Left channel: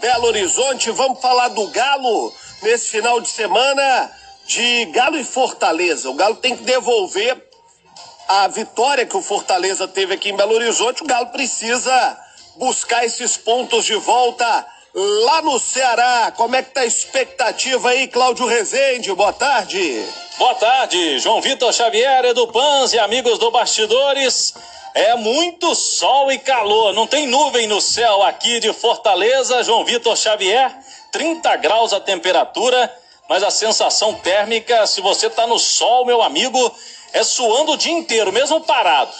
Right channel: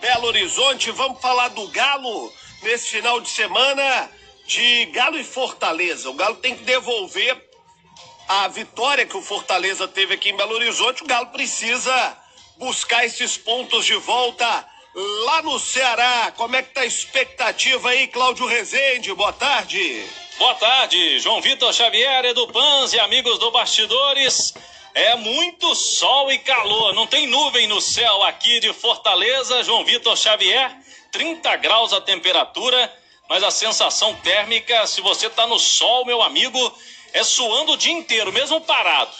Belo Horizonte, vamos falar do Galo nesse final de semana, de Galo e Fortaleza. O Galo tem que devolver a vitória que o Fortaleza teve aqui em Belo Horizonte. O Galo precisa buscar esses pontos de volta lá no Ceará. Como é que tá a expectativa aí, Cláudio Rezende? Boa tarde. Boa tarde, João Vitor Xavier, Edu Panz e amigos do Bastidores. É muito sol e calor, não tem nuvem no céu aqui de Fortaleza, João Vitor Xavier, 30 graus a temperatura, mas a sensação térmica, se você tá no sol, meu amigo, é suando o dia inteiro, mesmo parado.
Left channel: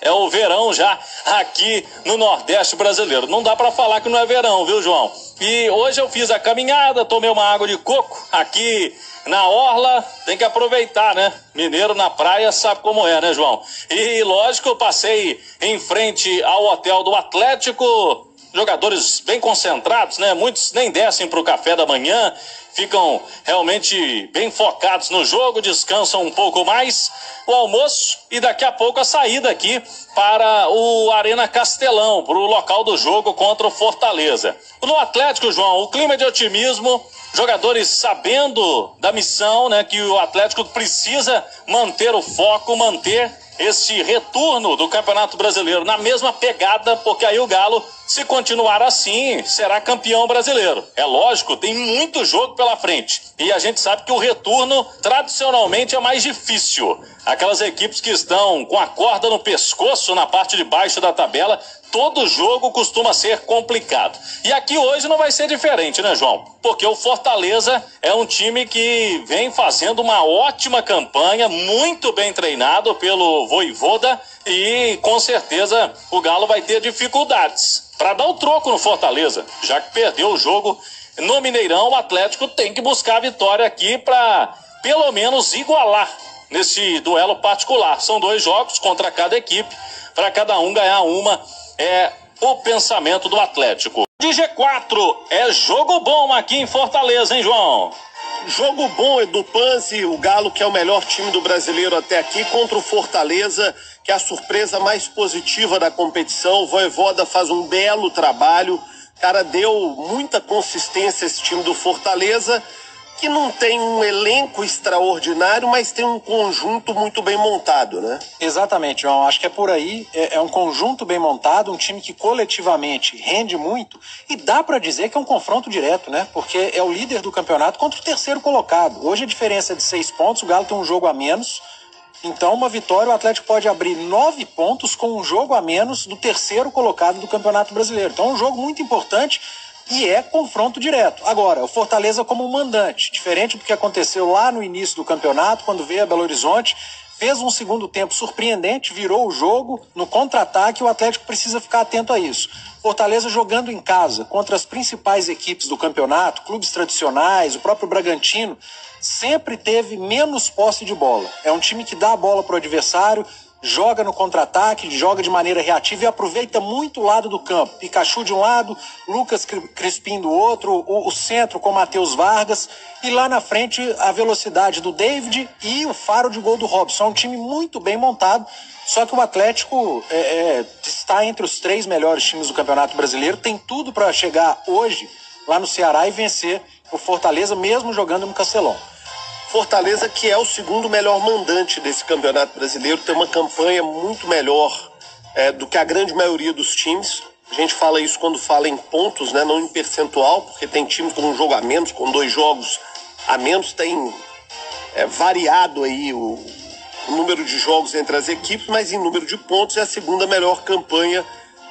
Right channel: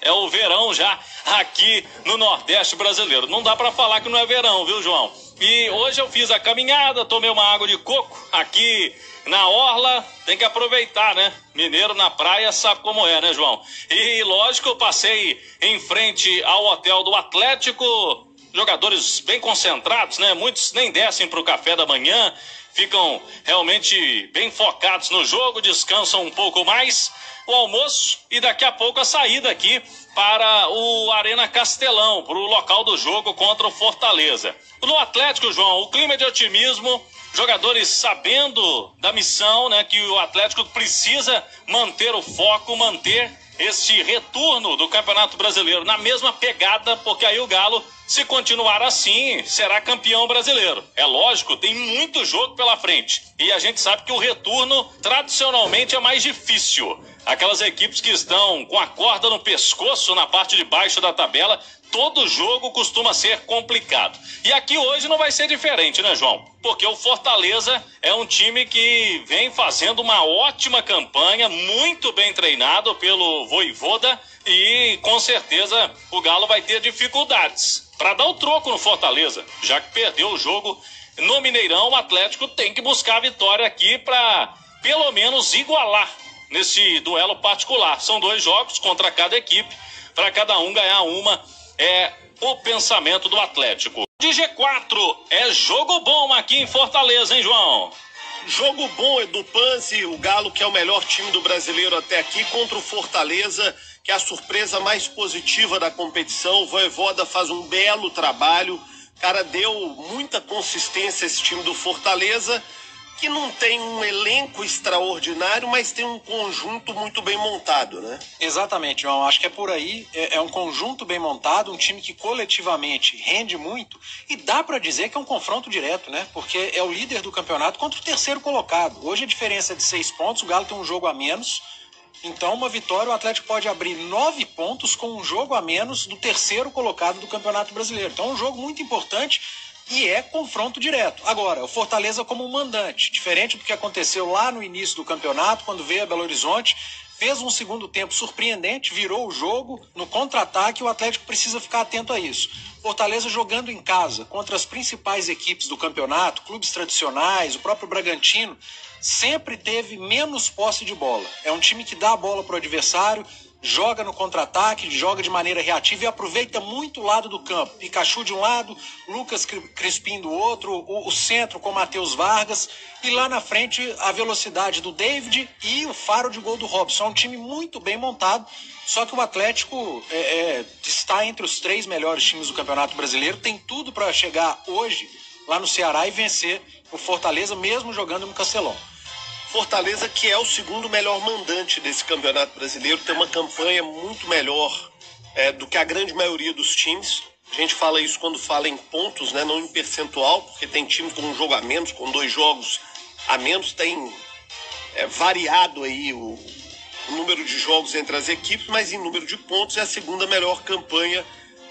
É o verão já aqui no Nordeste brasileiro. Não dá para falar que não é verão, viu, João? E hoje eu fiz a caminhada, tomei uma água de coco aqui na orla, tem que aproveitar, né? Mineiro na praia sabe como é, né, João? E lógico, eu passei em frente ao hotel do Atlético, jogadores bem concentrados, né? Muitos nem descem pro café da manhã, ficam realmente bem focados no jogo, descansam um pouco mais, o almoço e daqui a pouco a saída aqui para o Arena Castelão, para o local do jogo contra o Fortaleza. No Atlético, João, o clima é de otimismo, jogadores sabendo da missão, né, que o Atlético precisa manter o foco, manter esse retorno do Campeonato Brasileiro na mesma pegada, porque aí o Galo, se continuar assim, será campeão brasileiro. É lógico, tem muito jogo pela frente. E a gente sabe que o retorno, tradicionalmente, é mais difícil. Aquelas equipes que estão com a corda no pescoço, na parte de baixo da tabela, todo jogo costuma ser complicado. E aqui hoje não vai ser diferente, né, João? Porque o Fortaleza é um time que vem fazendo uma ótima campanha, muito bem treinado pelo Vojvoda, e com certeza o Galo vai ter dificuldades para dar o troco no Fortaleza, já que perdeu o jogo no Mineirão. O Atlético tem que buscar a vitória aqui para pelo menos igualar nesse duelo particular. São 2 jogos contra cada equipe, para cada um ganhar uma. É o pensamento do Atlético. De G4, é jogo bom aqui em Fortaleza, hein, João? Jogo bom, Edu Panzi, o Galo, que é o melhor time do brasileiro até aqui, contra o Fortaleza, que é a surpresa mais positiva da competição. O Vojvoda faz um belo trabalho, cara, deu muita consistência a esse time do Fortaleza, que não tem um elenco extraordinário, mas tem um conjunto muito bem montado, né? Exatamente, João. Acho que é por aí. É um conjunto bem montado, um time que coletivamente rende muito, e dá para dizer que é um confronto direto, né? Porque é o líder do campeonato contra o terceiro colocado. Hoje a diferença é de 6 pontos, o Galo tem um jogo a menos. Então, uma vitória, o Atlético pode abrir 9 pontos com um jogo a menos do terceiro colocado do Campeonato Brasileiro. Então, é um jogo muito importante. E é confronto direto. Agora, o Fortaleza como um mandante, diferente do que aconteceu lá no início do campeonato, quando veio a Belo Horizonte, fez um segundo tempo surpreendente, virou o jogo no contra-ataque, o Atlético precisa ficar atento a isso. Fortaleza jogando em casa contra as principais equipes do campeonato, clubes tradicionais, o próprio Bragantino, sempre teve menos posse de bola. É um time que dá a bola para o adversário, joga no contra-ataque, joga de maneira reativa e aproveita muito o lado do campo. Pikachu de um lado, Lucas Crispim do outro, o centro com Matheus Vargas, e lá na frente a velocidade do David e o faro de gol do Robson. É um time muito bem montado, só que o Atlético está entre os 3 melhores times do Campeonato Brasileiro, tem tudo para chegar hoje lá no Ceará e vencer o Fortaleza, mesmo jogando no Castelão. Fortaleza, que é o segundo melhor mandante desse Campeonato Brasileiro, tem uma campanha muito melhor do que a grande maioria dos times. A gente fala isso quando fala em pontos, né? Não em percentual, porque tem time com um jogo a menos, com 2 jogos a menos, tem variado aí o número de jogos entre as equipes, mas em número de pontos é a segunda melhor campanha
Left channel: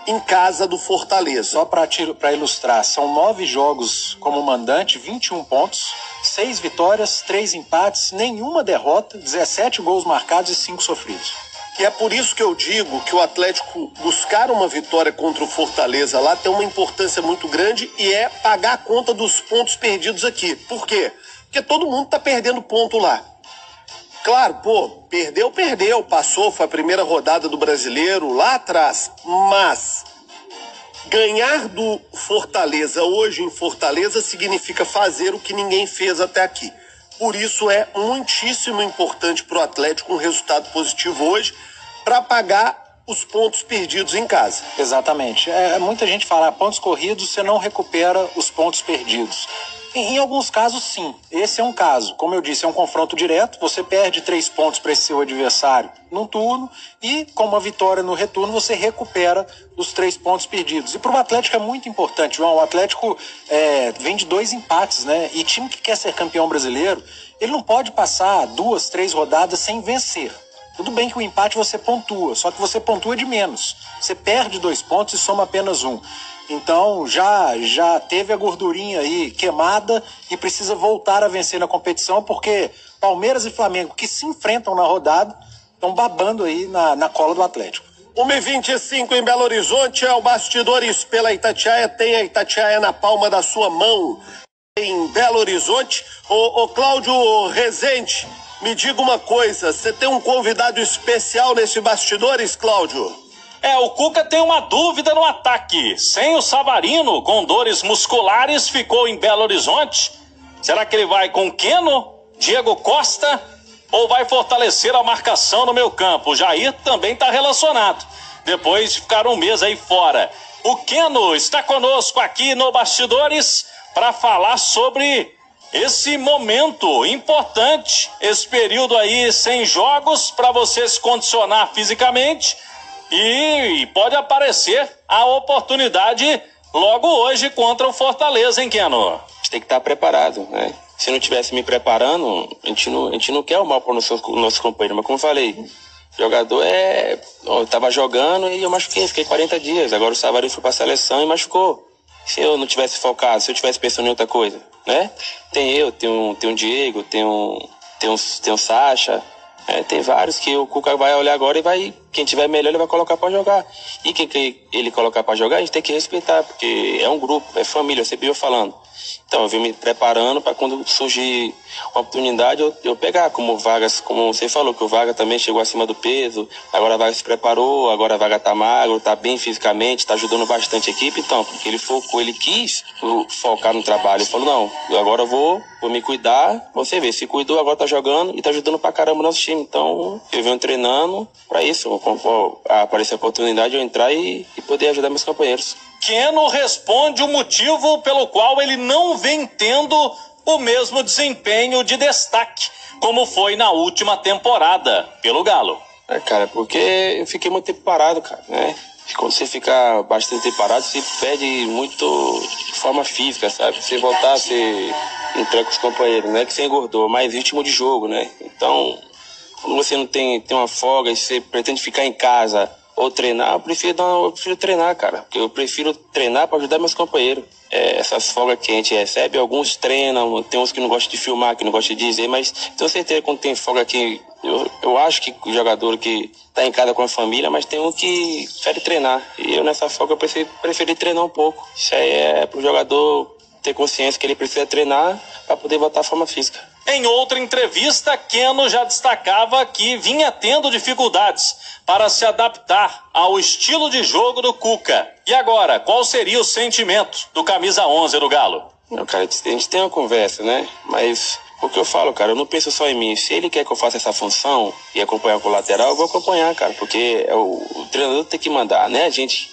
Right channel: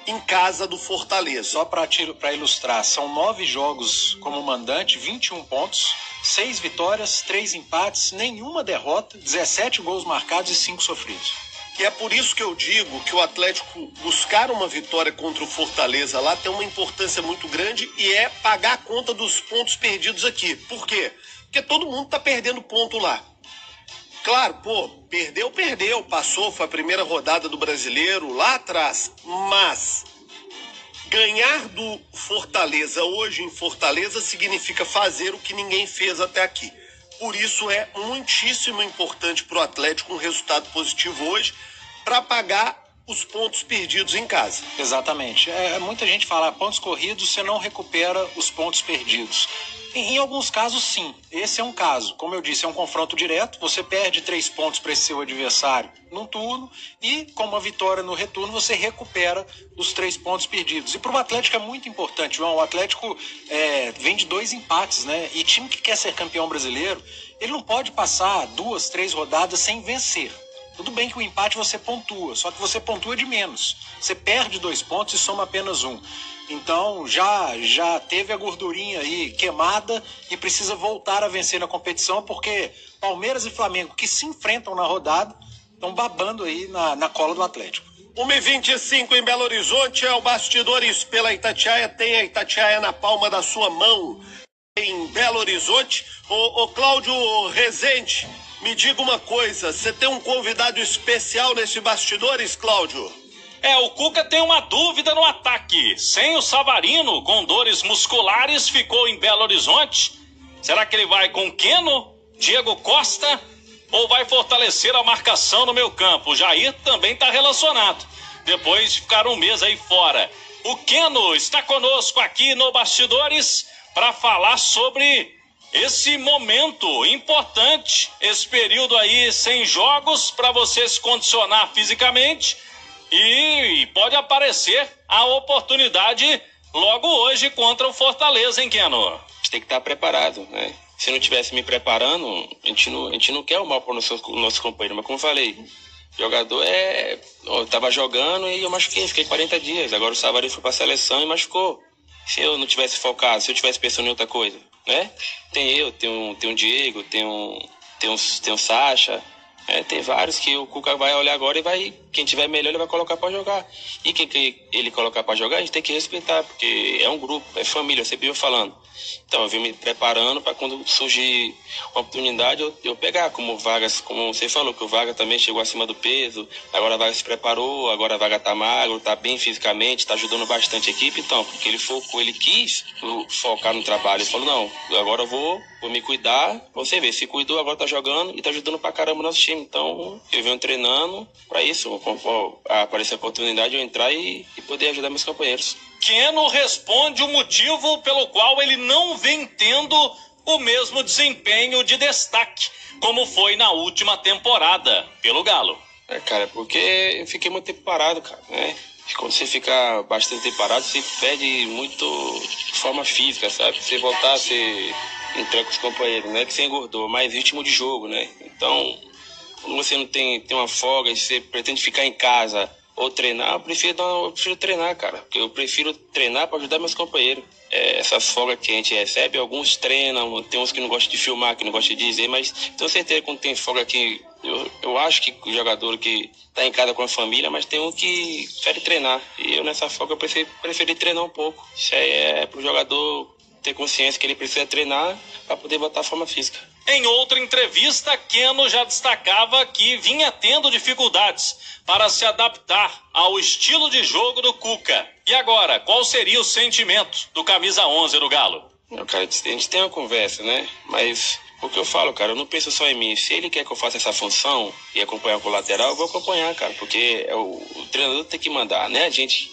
em casa do Fortaleza. Só para ilustrar, são 9 jogos como mandante, 21 pontos, 6 vitórias, 3 empates, nenhuma derrota, 17 gols marcados e 5 sofridos. E é por isso que eu digo que o Atlético buscar uma vitória contra o Fortaleza lá tem uma importância muito grande, e é pagar a conta dos pontos perdidos aqui. Por quê? Porque todo mundo tá perdendo ponto lá. Claro, perdeu, passou, foi a primeira rodada do Brasileiro lá atrás, mas ganhar do Fortaleza hoje em Fortaleza significa fazer o que ninguém fez até aqui. Por isso é muitíssimo importante para o Atlético um resultado positivo hoje, para pagar os pontos perdidos em casa. Exatamente. Muita gente fala, pontos corridos, você não recupera os pontos perdidos. Em alguns casos, sim. Esse é um caso. Como eu disse, é um confronto direto. Você perde 3 pontos para esse seu adversário num turno e, com uma vitória no retorno, você recupera os 3 pontos perdidos. E para o Atlético é muito importante, João. O Atlético vem de 2 empates, né? E time que quer ser campeão brasileiro, ele não pode passar 2, 3 rodadas sem vencer. Tudo bem que o empate você pontua, só que você pontua de menos. Você perde 2 pontos e soma apenas 1. Então já teve a gordurinha aí queimada e precisa voltar a vencer na competição, porque Palmeiras e Flamengo, que se enfrentam na rodada, estão babando aí na cola do Atlético. 1h25 em Belo Horizonte, é o Bastidores pela Itatiaia, tem a Itatiaia na palma da sua mão em Belo Horizonte. Ô Cláudio Rezende, me diga uma coisa, você tem um convidado especial nesse Bastidores, Cláudio? O Cuca tem uma dúvida no ataque. Sem o Savarino, com dores musculares, ficou em Belo Horizonte. Será que ele vai com Keno, Diego Costa, ou vai fortalecer a marcação no meio campo? O Jair também está relacionado, depois de ficar um mês aí fora. O Keno está conosco aqui no Bastidores para falar sobre esse momento importante, esse período aí sem jogos, para você se condicionar fisicamente. E pode aparecer a oportunidade logo hoje contra o Fortaleza, hein, Keno? A gente tem que estar preparado, né? Se eu não estivesse me preparando, a gente não quer o mal para o nosso companheiro. Mas como eu falei, jogador eu tava jogando e eu machuquei, fiquei 40 dias. Agora o Savarino foi para a seleção e machucou. Se eu não tivesse focado, se eu tivesse pensando em outra coisa, né? Tem o Diego, tem o Sacha. Tem vários que o Cuca vai olhar agora e quem tiver melhor ele vai colocar para jogar. E quem ele colocar para jogar, a gente tem que respeitar, porque é um grupo, é família, eu sempre venho falando. Então eu vim me preparando para quando surgir uma oportunidade eu pegar, como o Vargas, como você falou, que o Vargas também chegou acima do peso, agora a Vargas se preparou, agora a Vargas tá magro, tá bem fisicamente, tá ajudando bastante a equipe, então, porque ele focou, ele quis focar no trabalho, ele falou, não, agora eu vou me cuidar, você vê, se cuidou, agora tá jogando e tá ajudando pra caramba o nosso time, então eu venho treinando pra isso, aparecer a oportunidade de eu entrar e poder ajudar meus companheiros. Keno responde o motivo pelo qual ele não vem tendo o mesmo desempenho de destaque, como foi na última temporada, pelo Galo. Cara, porque eu fiquei muito tempo parado, cara, né? Quando você fica bastante tempo parado, você perde muito de forma física, sabe? Você voltar, você entrar com os companheiros, não é que você engordou, mas ritmo de jogo, né? Então, quando você não tem uma folga e você pretende ficar em casa ou treinar, eu prefiro treinar, cara. Porque eu prefiro treinar para ajudar meus companheiros. Essas folgas que a gente recebe, alguns treinam, tem uns que não gostam de filmar, que não gostam de dizer, mas tenho certeza que quando tem folga aqui, eu acho que o jogador que tá em casa com a família, mas tem um que prefere treinar. E eu nessa folga eu preferi treinar um pouco. Isso aí é pro jogador ter consciência que ele precisa treinar para poder voltar à forma física. Em outra entrevista, Keno já destacava que vinha tendo dificuldades para se adaptar ao estilo de jogo do Cuca. E agora, qual seria o sentimento do camisa 11 do Galo? Não, cara, a gente tem uma conversa, né? Mas o que eu falo, cara, eu não penso só em mim. Se ele quer que eu faça essa função e acompanhar com o lateral, eu vou acompanhar, cara, porque o treinador tem que mandar, né?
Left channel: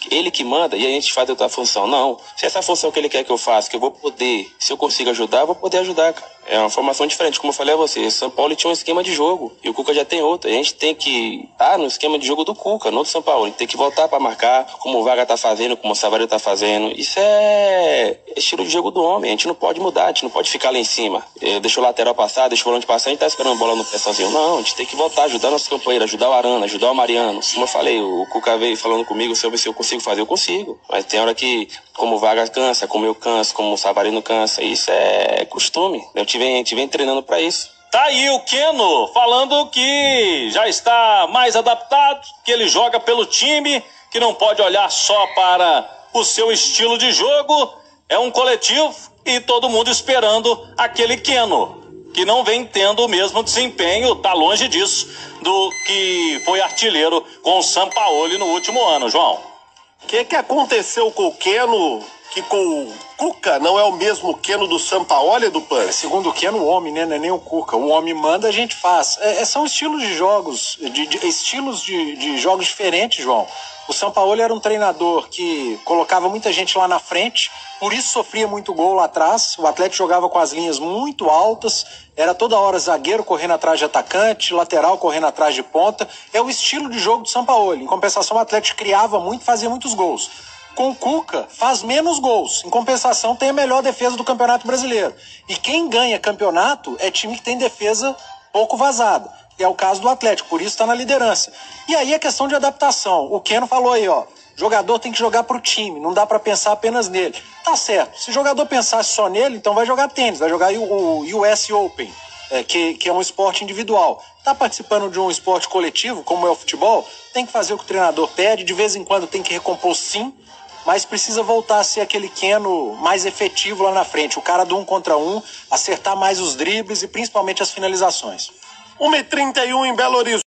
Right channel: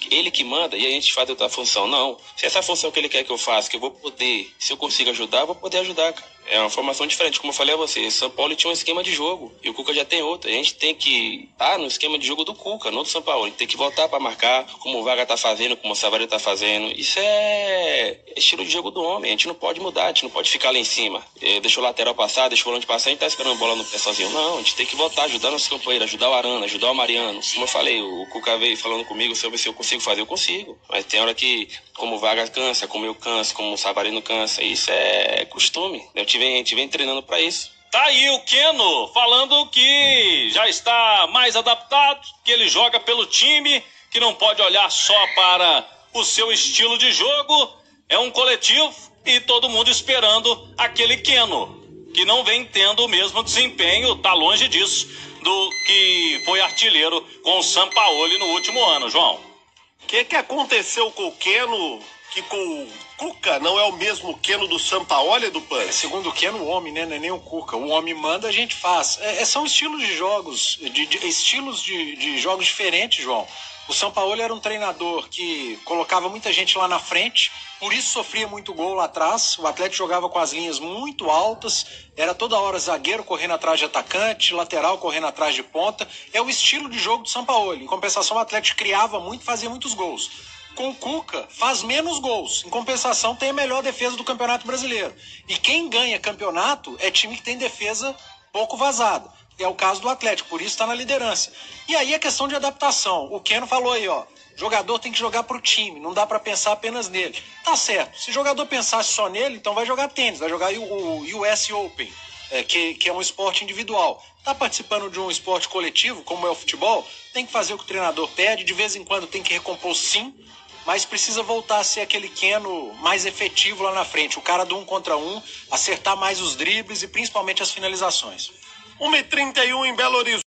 Ele que manda e a gente faz outra função. Não, se essa função que ele quer que eu faça, que eu vou poder, se eu consigo ajudar, eu vou poder ajudar, cara. É uma formação diferente, como eu falei a você. São Paulo tinha um esquema de jogo e o Cuca já tem outro. A gente tem que estar no esquema de jogo do Cuca, não do São Paulo. A gente tem que voltar para marcar, como o Vargas tá fazendo, como o Savarino tá fazendo. Isso é estilo de jogo do homem. A gente não pode mudar, a gente não pode ficar lá em cima. Deixa o lateral passar, deixa o volante passar, a gente tá esperando a bola no pé sozinho. Não, a gente tem que voltar, ajudar nossos companheiros, ajudar o Arana, ajudar o Mariano. Como eu falei, o Cuca veio falando comigo sobre se eu consigo fazer, eu consigo. Mas tem hora que, como o Vargas cansa, como eu canso, como o Savarino cansa, isso é costume. A gente vem treinando para isso. Tá aí o Keno falando que já está mais adaptado, que ele joga pelo time, que não pode olhar só para o seu estilo de jogo. É um coletivo e todo mundo esperando aquele Keno, que não vem tendo o mesmo desempenho, tá longe disso, do que foi artilheiro com o Sampaoli no último ano, João. O que aconteceu com o Keno, que com Cuca não é o mesmo Keno do Sampaoli, do Pan? Segundo o Keno, o homem, né? Não é nem o Cuca. O homem manda, a gente faz. São estilos de jogos, estilos de jogos diferentes, João. O Sampaoli era um treinador que colocava muita gente lá na frente, por isso sofria muito gol lá atrás. O Atlético jogava com as linhas muito altas, era toda hora zagueiro correndo atrás de atacante, lateral correndo atrás de ponta. É o estilo de jogo do Sampaoli. Em compensação, o Atlético criava muito, fazia muitos gols. Com o Cuca, faz menos gols. Em compensação, tem a melhor defesa do Campeonato Brasileiro. E quem ganha campeonato é time que tem defesa pouco vazada. É o caso do Atlético, por isso está na liderança. E aí é questão de adaptação. O Keno falou aí, ó, jogador tem que jogar pro time, não dá para pensar apenas nele. Tá certo, se o jogador pensasse só nele, então vai jogar tênis, vai jogar o US Open, que é um esporte individual. Tá participando de um esporte coletivo, como é o futebol, tem que fazer o que o treinador pede, de vez em quando tem que recompor sim, mas precisa voltar a ser aquele Keno mais efetivo lá na frente, o cara do 1 contra 1, acertar mais os dribles e principalmente as finalizações. 1h31 em Belo Horizonte.